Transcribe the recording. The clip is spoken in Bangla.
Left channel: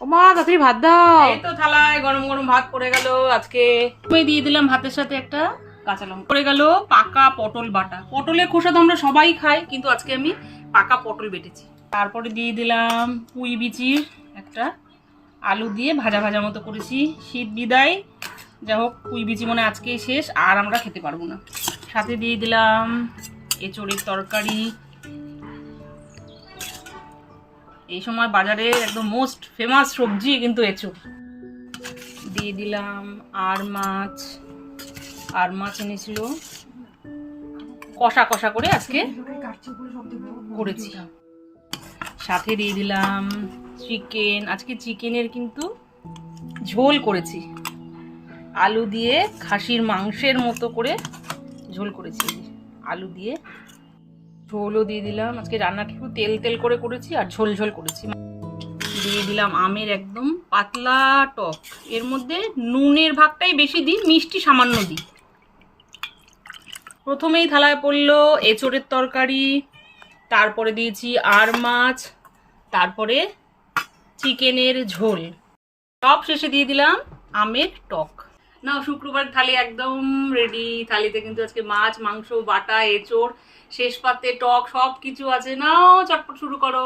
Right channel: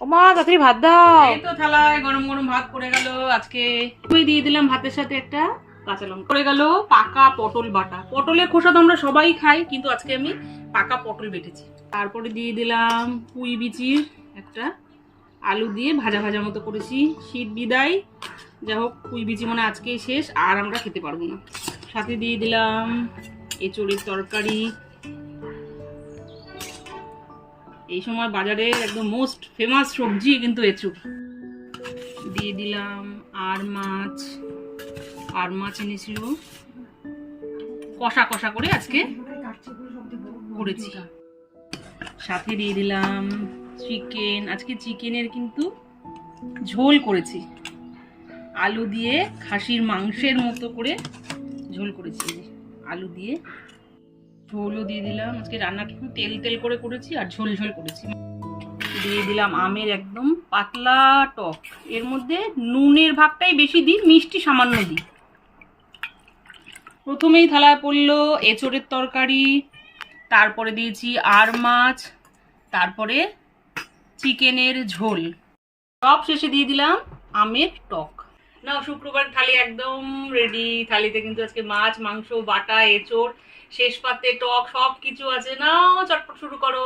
ও মা তাড়াতাড়ি ভাত দাও। এই তো থালায় গরম গরম ভাত পড়ে গেল। আজকে আমি দিয়ে দিলাম ভাতের সাথে একটা কাঁচা লঙ্কা। পড়ে গেল পাকা পটল বাটা। পটলের খোসা তো আমরা সবাই খাই, কিন্তু আজকে আমি পাকা পটল বেটেছি। তারপরে দিয়ে দিলাম পুঁই বিচির একটা আলু দিয়ে ভাজা ভাজা মতো করেছি। শীত বিদায়, যাই হোক পুঁই বিচি মনে হয় আজকেই শেষ, আর আমরা খেতে পারবো না। সাথে দিয়ে দিলাম এঁচোড়ের তরকারি। এই সময় বাজারে একদম মোস্ট ফেমাস সবজি কিন্তু এঁচোড়। দিয়ে দিলাম আর মাছ এনেছিল, কষা কষা করে আজকে করেছি। সাথে দিয়ে দিলাম চিকেন। আজকে চিকেনের কিন্তু ঝোল করেছি, আলু দিয়ে খাসির মাংসের মতো করে ঝোল করেছি। আলু দিয়ে ঝোলও দিয়ে দিলাম। আজকে রান্না একটু তেল তেল করে করেছি আর ঝোল ঝোল করেছি। দিয়ে দিলাম আমের একদম পাতলা টক। এর মধ্যে নুনের ভাগটাই বেশি দিই, মিষ্টি সামান্য দিই। প্রথমেই থালায় পড়লো এঁচোড়ের তরকারি, তারপরে দিয়েছি আর মাছ, তারপরে চিকেনের ঝোল, সব শেষে দিয়ে দিলাম আমের টক। নাও শুক্রবার থালি একদম রেডি। থালিতে কিন্তু আজকে মাছ, মাংস, বাটা, এঁচোড়, শেষ পাতে টক, সব কিছু আছে। নাও চটপট শুরু করো।